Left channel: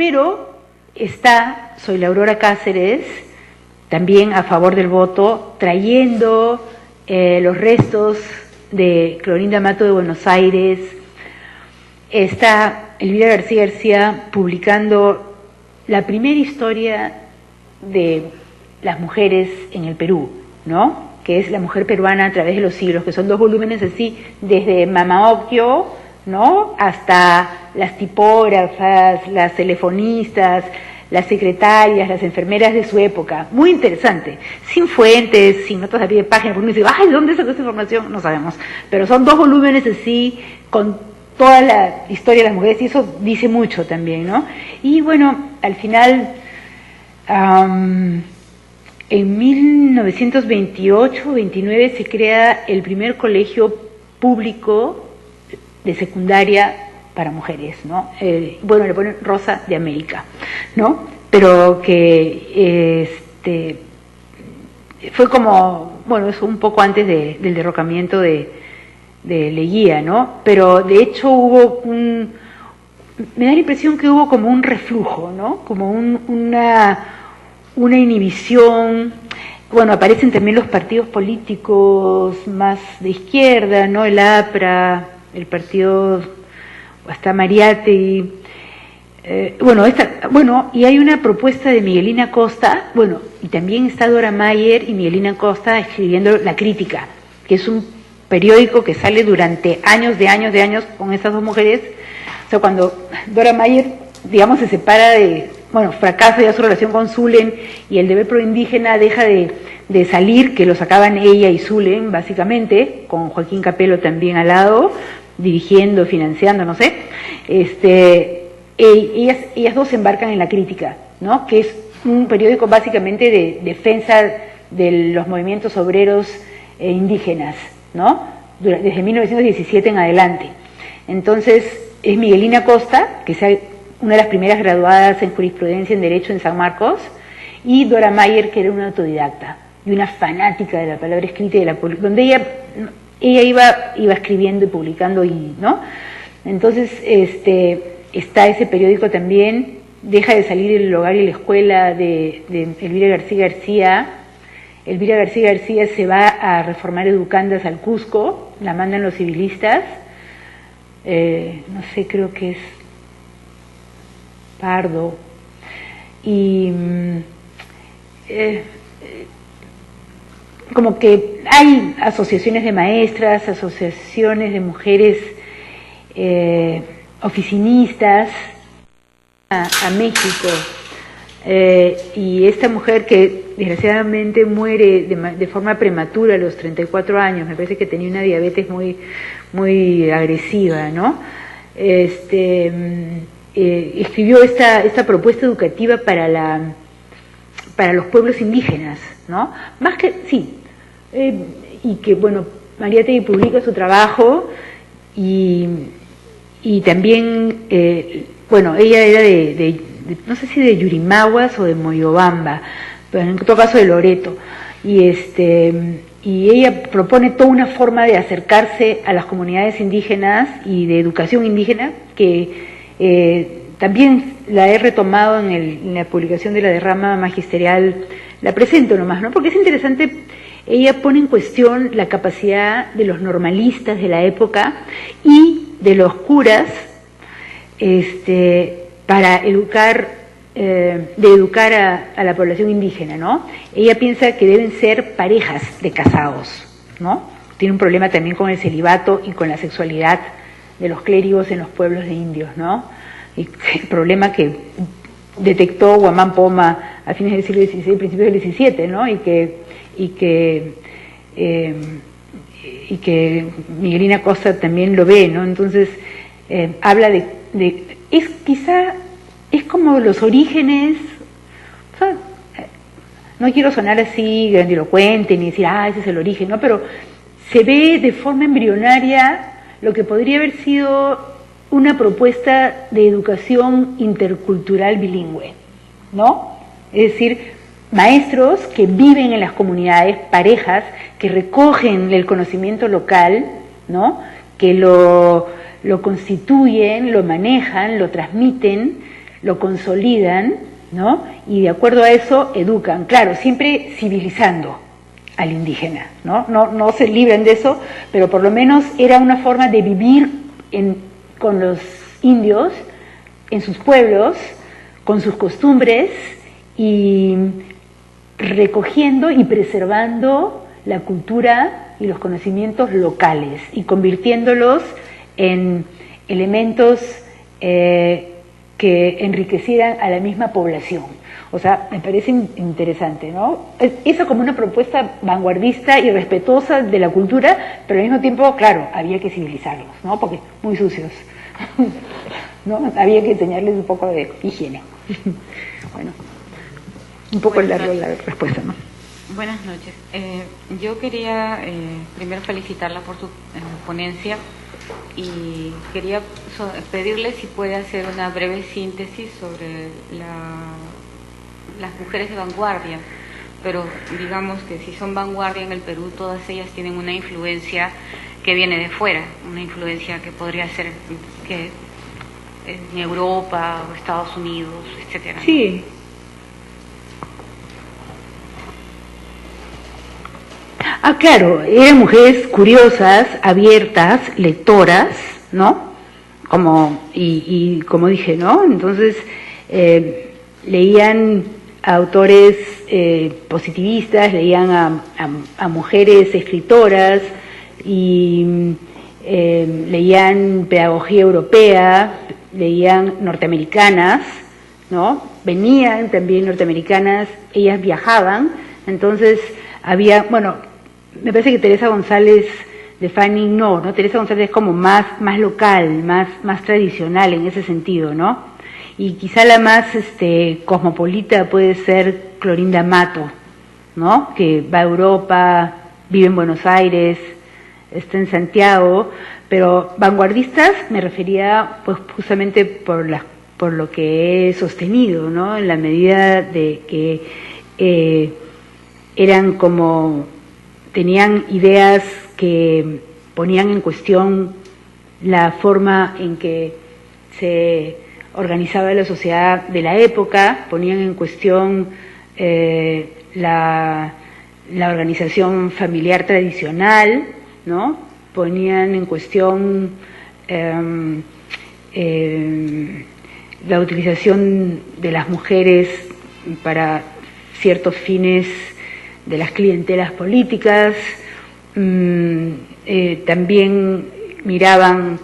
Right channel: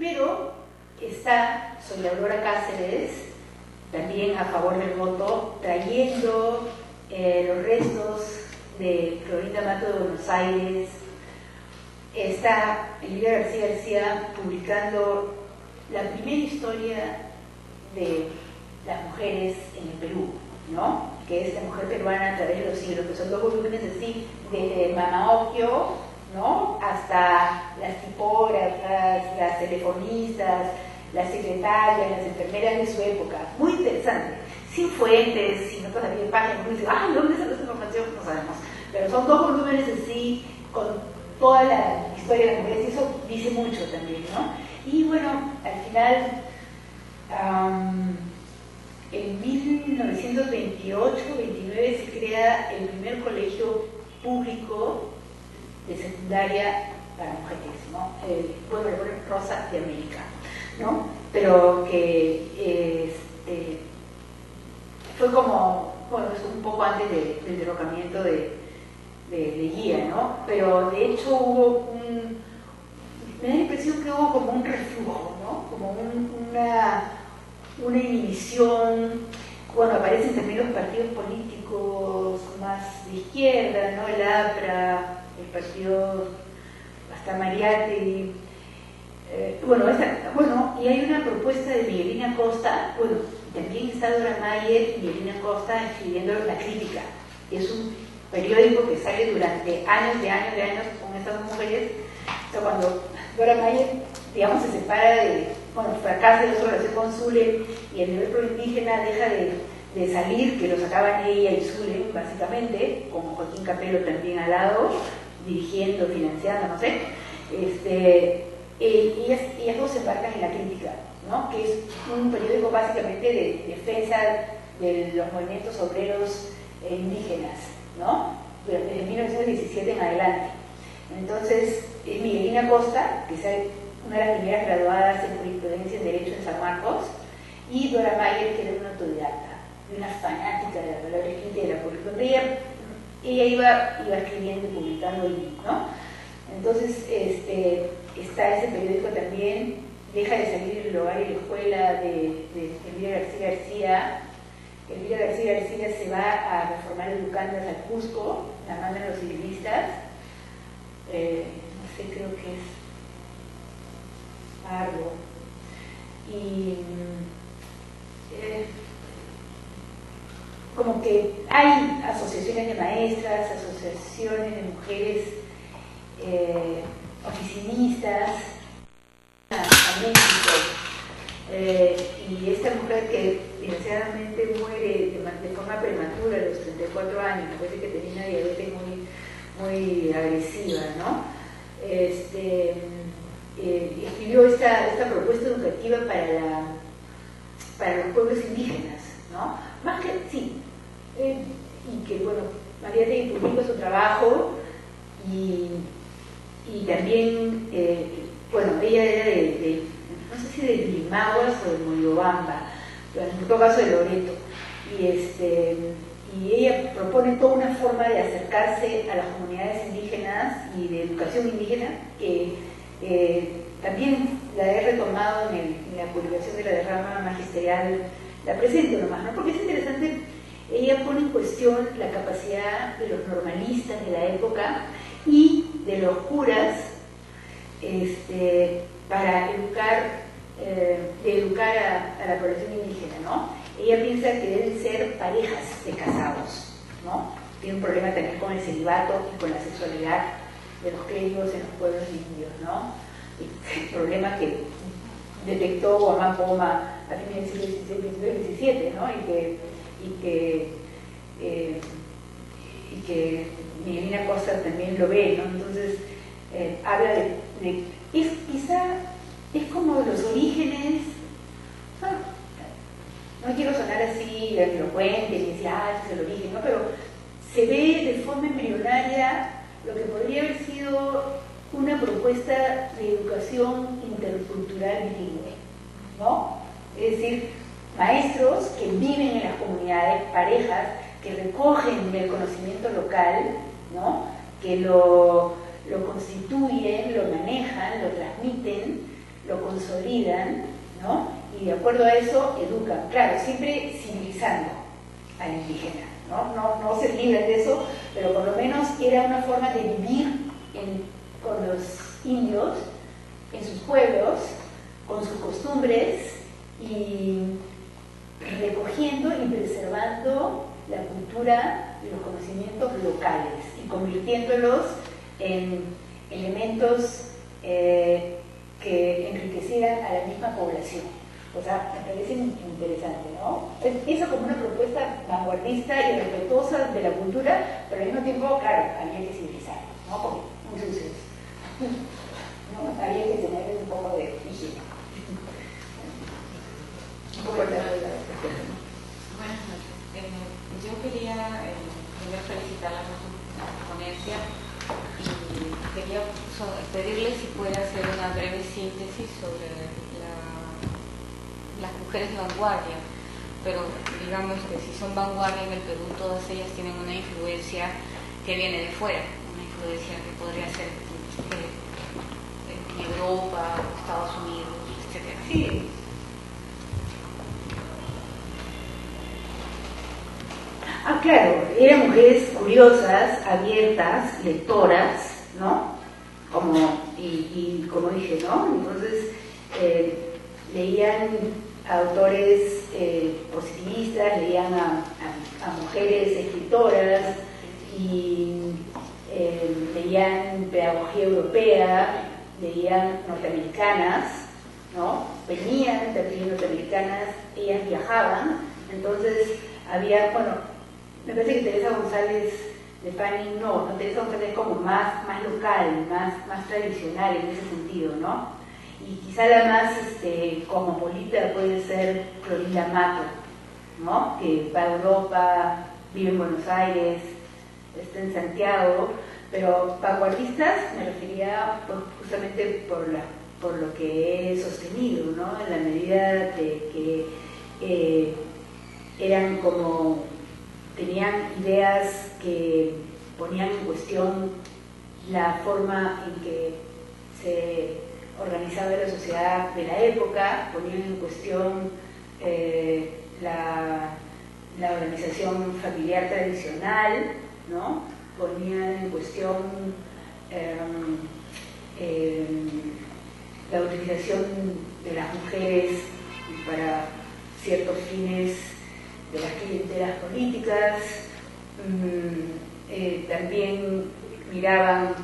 pero está Soy la Aurora Cáceres, también a favor del voto, trayendo los restos de Clorinda Mato de Buenos Aires. Está Elvira García García publicando la primera historia de las mujeres en el Perú, ¿no? Que es La mujer peruana a través de los siglos, que son 2 volúmenes así, desde Mama Occhio, ¿no?, hasta las tipógrafas, las telefonistas, las secretarias, las enfermeras de su época. Muy interesante, sin fuentes, sin notas a pie de página, porque uno dice, ay, ¿de dónde sacó esa información? No sabemos, pero son 2 volúmenes así, con toda la historia de las mujeres, y eso dice mucho también, ¿no? Y bueno, al final, en 1928-29 se crea el primer colegio público de secundaria para mujeres, ¿no? Bueno, le ponen Rosa de América, ¿no? Pero que fue como, bueno, es un poco antes del derrocamiento de Leguía, ¿no? Pero de hecho hubo me da la impresión que hubo como un reflujo, ¿no? Como una inhibición. Bueno, aparecen también los partidos políticos más de izquierda, ¿no? El APRA, el partido, hasta Mariátegui. Y hay una propuesta de Miguelina Costa, bueno, y también está Dora Mayer y Miguelina Costa escribiendo La Crítica, que es un periódico que sale durante años con estas 2 mujeres. O sea, cuando Dora Mayer, digamos, se separa fracasa ya su relación con Zulen, y el Deber Pro Indígena deja de salir, que lo sacaban ella y Zulen, básicamente, con Joaquín Capello también al lado, dirigiendo, financiando, no sé, ellas 2 se embarcan en La Crítica, ¿no?, que es un periódico básicamente de defensa de los movimientos obreros indígenas, ¿no?, desde 1917 en adelante. Entonces, es Miguelina Costa, que es una de las primeras graduadas en jurisprudencia en Derecho en San Marcos, y Dora Mayer, que era una autodidacta y una fanática de la palabra escrita y de donde ella iba escribiendo y publicando, ¿no? Entonces, está ese periódico también. Deja de salir El Hogar y la Escuela de Elvira García García. Elvira García García se va a reformar educandas al Cusco, la mandan los civilistas, no sé, creo que es Pardo, y como que hay asociaciones de maestras, asociaciones de mujeres oficinistas a México, y esta mujer que desgraciadamente muere de forma prematura a los 34 años, me parece que tenía una diabetes muy agresiva, ¿no? Escribió esta propuesta educativa para los pueblos indígenas, ¿no? Más que, sí, y que, bueno, Mariátegui publica su trabajo, y también, ella era no sé si de Yurimaguas o de Moyobamba, pero en todo caso de Loreto, y ella propone toda una forma de acercarse a las comunidades indígenas y de educación indígena, que también la he retomado en la publicación de la derrama magisterial. La presento nomás, ¿no?, porque es interesante. Ella pone en cuestión la capacidad de los normalistas de la época y de los curas para educar a la población indígena, ¿no? Ella piensa que deben ser parejas de casados, ¿no? Tiene un problema también con el celibato y con la sexualidad de los clérigos en los pueblos de indios, ¿no? Y el problema que detectó Guamán Poma a fines del siglo XVI, principios del XVII, ¿no? Y que Miguelina Costa también lo ve, ¿no? Entonces habla quizá es como los orígenes, o sea, no quiero sonar así grandilocuente ni decir, ese es el origen, ¿no? Pero se ve de forma embrionaria lo que podría haber sido una propuesta de educación intercultural bilingüe, ¿no? Es decir, maestros que viven en las comunidades, parejas que recogen el conocimiento local, ¿no?, que lo constituyen, lo manejan, lo transmiten, lo consolidan, ¿no? Y de acuerdo a eso educan, claro, siempre civilizando al indígena, ¿no? No se libren de eso, pero por lo menos era una forma de vivir con los indios en sus pueblos, con sus costumbres y recogiendo y preservando la cultura y los conocimientos locales y convirtiéndolos en elementos que enriquecieran a la misma población. O sea, me parece interesante, ¿no? Eso como una propuesta vanguardista y respetuosa de la cultura, pero al mismo tiempo, claro, había que civilizarlos, ¿no? Porque muy sucios, ¿no? Había que enseñarles un poco de higiene. Bueno, un poco largo la respuesta, ¿no? Buenas noches. Yo quería primero felicitarla por su ponencia y quería pedirle si puede hacer una breve síntesis sobre las mujeres de vanguardia, pero digamos que si son vanguardia en el Perú, todas ellas tienen una influencia que viene de fuera, una influencia que podría ser que en Europa o Estados Unidos, etcétera. Sí. Ah, claro, eran mujeres curiosas, abiertas, lectoras, ¿no? Y como dije, ¿no? Entonces, leían a autores positivistas, leían a mujeres escritoras y leían pedagogía europea, leían norteamericanas, ¿no? Venían también norteamericanas, ellas viajaban, entonces había, bueno, me parece que Teresa González de Fanning no, Teresa González es como más local, más tradicional en ese sentido, ¿no? Y quizá la más cosmopolita puede ser Clorinda Mato, ¿no? Que va a Europa, vive en Buenos Aires, está en Santiago, pero vanguardistas me refería pues justamente por lo que he sostenido, ¿no? En la medida de que eran como, tenían ideas que ponían en cuestión la forma en que se organizaba la sociedad de la época, ponían en cuestión la organización familiar tradicional, ¿no? Ponían en cuestión la utilización de las mujeres para ciertos fines de las clientelas políticas, también miraban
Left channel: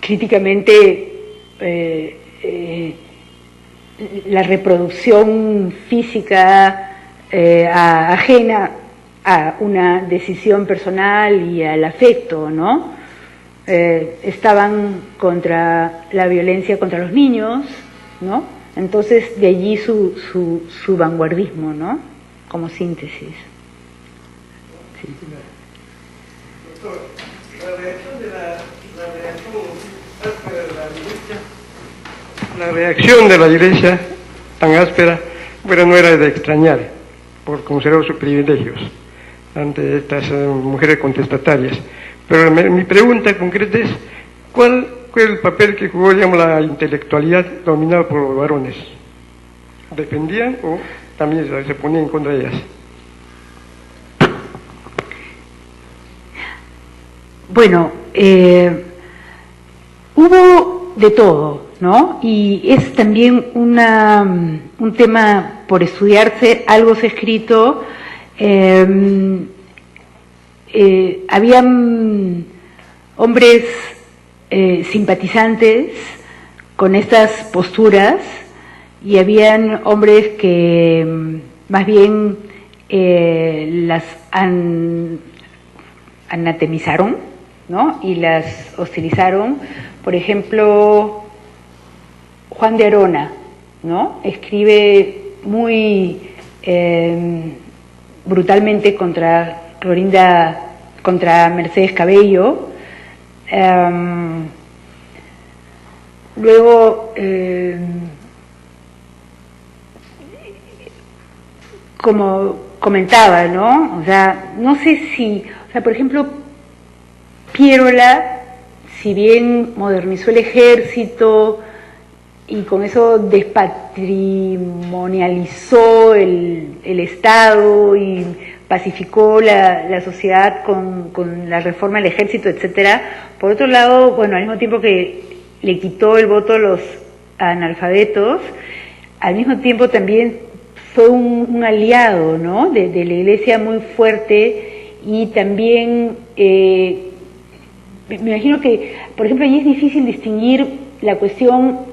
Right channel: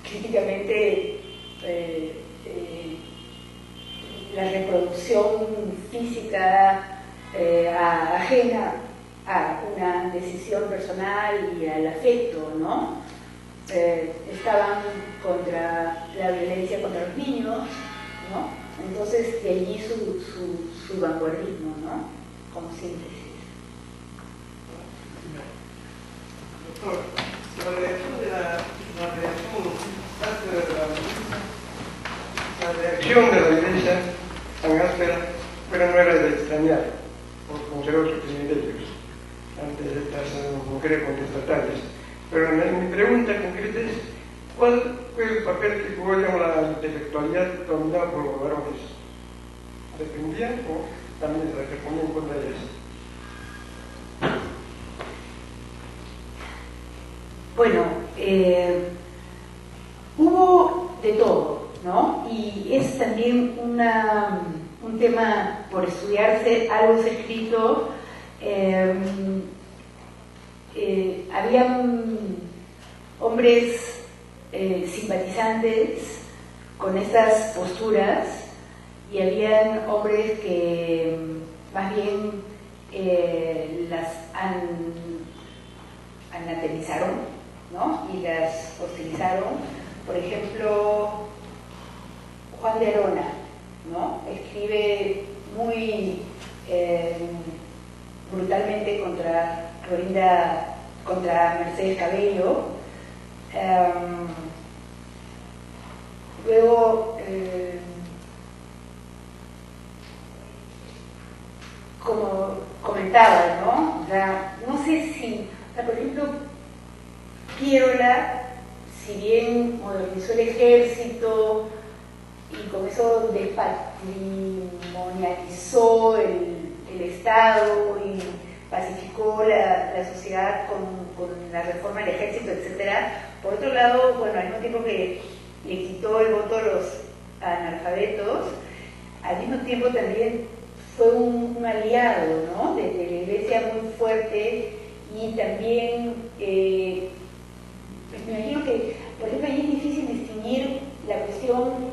críticamente la reproducción física ajena a una decisión personal y al afecto, ¿no? Estaban contra la violencia contra los niños, ¿no? Entonces de allí su vanguardismo, ¿no? Como síntesis. Sí. Doctor, la reacción de la Iglesia tan áspera, bueno, no era de extrañar, por conservar sus privilegios ante estas mujeres contestatarias. Pero mi pregunta concreta es, ¿cuál fue el papel que jugó, digamos, la intelectualidad dominada por los varones? ¿Defendían o también se ponían en contra de ellas? Bueno, hubo de todo, ¿no? Y es también un tema por estudiarse, algo se ha escrito. Habían hombres simpatizantes con estas posturas y habían hombres que más bien las anatemizaron, ¿no? Y las hostilizaron. Por ejemplo, Juan de Arona, ¿no? Escribe muy brutalmente contra Mercedes Cabello. Luego, como comentaba, ¿no? O sea, no sé si, o sea, por ejemplo, Piérola, si bien modernizó el ejército con eso despatrimonializó el Estado y pacificó la sociedad con la reforma del ejército, etcétera. Por otro lado, bueno, al mismo tiempo que le quitó el voto a los analfabetos, al mismo tiempo también fue un aliado, ¿no?, de la Iglesia muy fuerte, y también me imagino que, por ejemplo, allí es difícil distinguir la cuestión,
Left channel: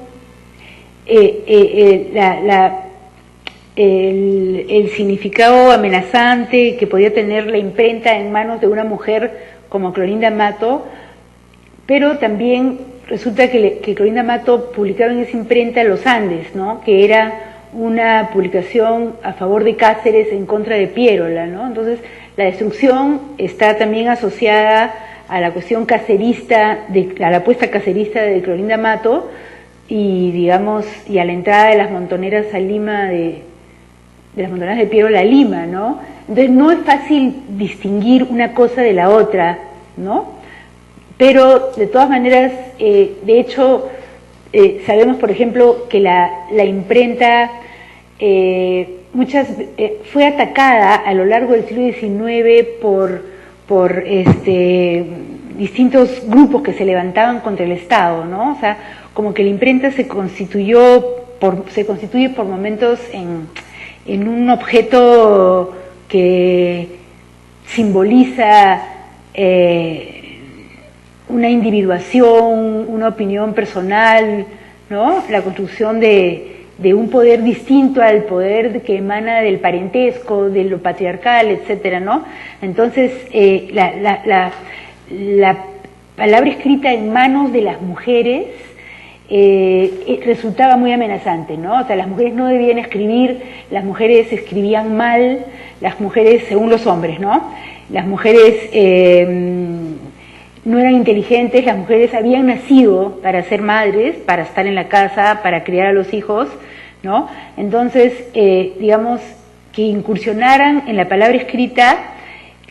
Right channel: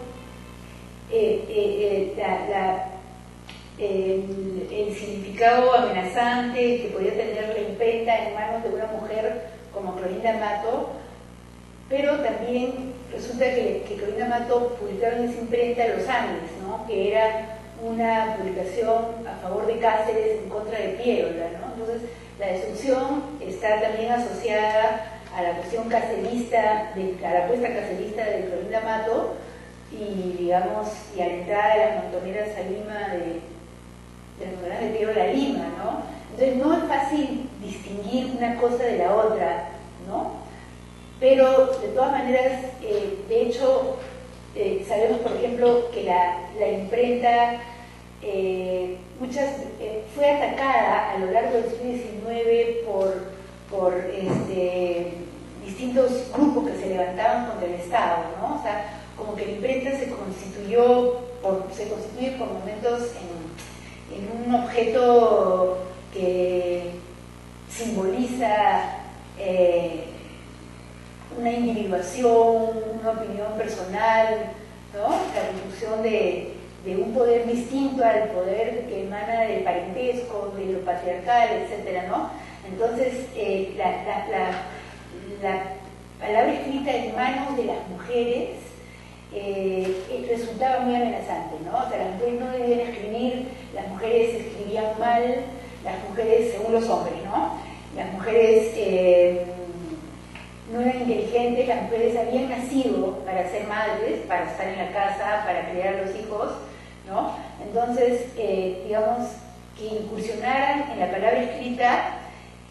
el significado amenazante que podía tener la imprenta en manos de una mujer como Clorinda Mato, pero también resulta que Clorinda Mato publicaron en esa imprenta Los Andes, ¿no?, que era una publicación a favor de Cáceres en contra de Piérola, ¿no? Entonces la destrucción está también asociada a la cuestión cacerista, a la apuesta cacerista de Clorinda Mato, y digamos, y a la entrada de las montoneras a Lima, de las montoneras de Piérola a Lima, ¿no? Entonces no es fácil distinguir una cosa de la otra, ¿no? Pero de todas maneras, de hecho, sabemos, por ejemplo, que la imprenta fue atacada a lo largo del siglo XIX por distintos grupos que se levantaban contra el Estado, ¿no? O sea, como que la imprenta se constituye por momentos en un objeto que simboliza una individuación, una opinión personal, ¿no?, la construcción de un poder distinto al poder que emana del parentesco, de lo patriarcal, etcétera, ¿no? Entonces, la palabra escrita en manos de las mujeres resultaba muy amenazante, ¿no? O sea, las mujeres no debían escribir, las mujeres escribían mal, las mujeres, según los hombres, ¿no? Las mujeres no eran inteligentes, las mujeres habían nacido para ser madres, para estar en la casa, para criar a los hijos, ¿no? Entonces, digamos, que incursionaran en la palabra escrita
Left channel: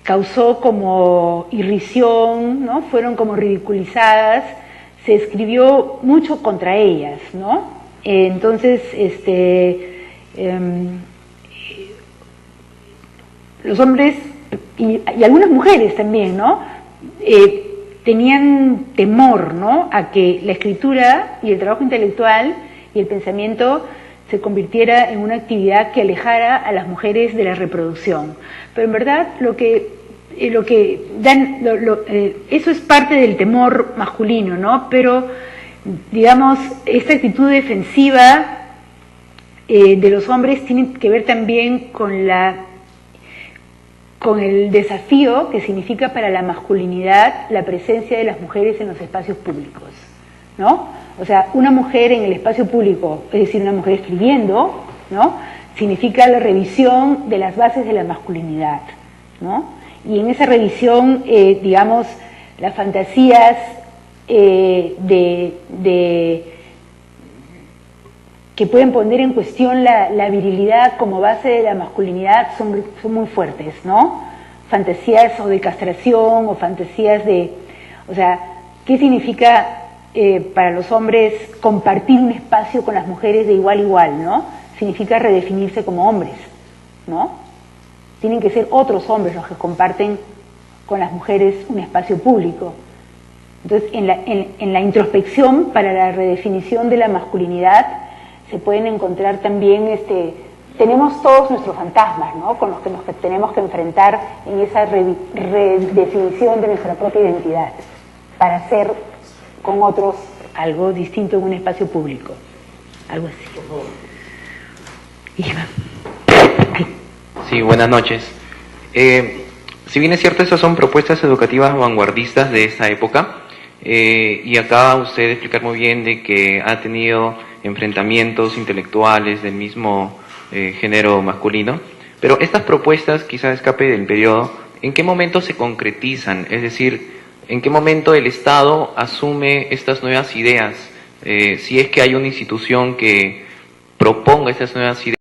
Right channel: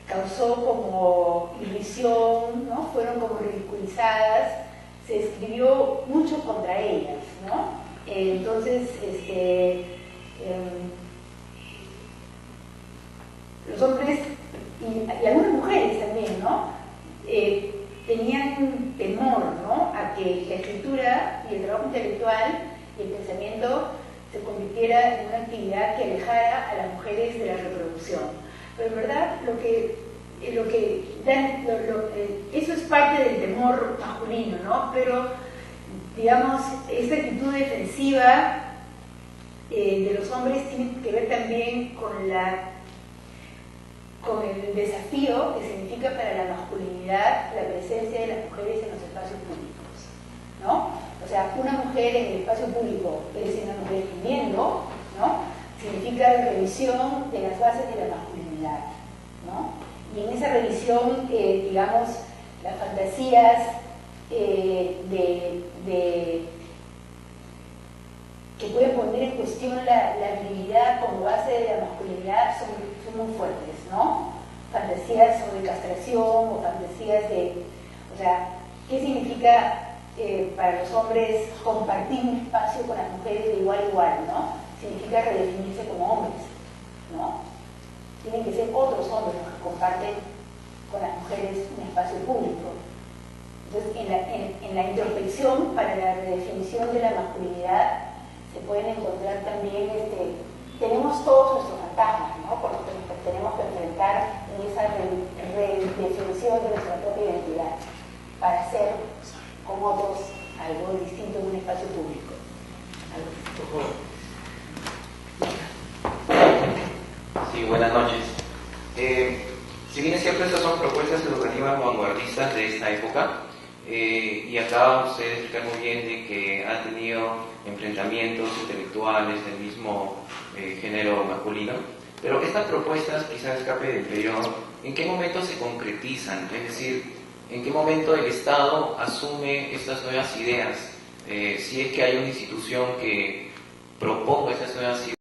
causó como irrisión, ¿no? Fueron como ridiculizadas, se escribió mucho contra ellas, ¿no? Entonces, los hombres y algunas mujeres también, ¿no?, tenían temor, ¿no?, a que la escritura y el trabajo intelectual y el pensamiento se convirtiera en una actividad que alejara a las mujeres de la reproducción. Pero en verdad eso es parte del temor masculino, ¿no? Pero, digamos, esta actitud defensiva de los hombres tiene que ver también con el desafío que significa para la masculinidad la presencia de las mujeres en los espacios públicos, ¿no? O sea, una mujer en el espacio público, es decir, una mujer escribiendo, ¿no?, significa la revisión de las bases de la masculinidad, ¿no? Y en esa revisión, digamos, las fantasías que pueden poner en cuestión la virilidad como base de la masculinidad son muy fuertes, ¿no? Fantasías o de castración o fantasías o sea, ¿qué significa para los hombres compartir un espacio con las mujeres de igual a igual, ¿no? Significa redefinirse como hombres, ¿no? Tienen que ser otros hombres los que comparten con las mujeres un espacio público. Entonces, en la introspección para la redefinición de la masculinidad se pueden encontrar también, tenemos todos nuestros fantasmas, ¿no?, con los que nos tenemos que enfrentar en esa redefinición de nuestra propia identidad, para hacer con otros algo distinto en un espacio público, algo así. Sí, buenas noches. Si bien es cierto, estas son propuestas educativas vanguardistas de esa época, y acaba usted de explicar muy bien de que ha tenido enfrentamientos intelectuales del mismo género masculino, pero estas propuestas, quizá escape del periodo, ¿en qué momento se concretizan? Es decir, ¿en qué momento el Estado asume estas nuevas ideas? Si es que hay una institución que proponga estas nuevas ideas.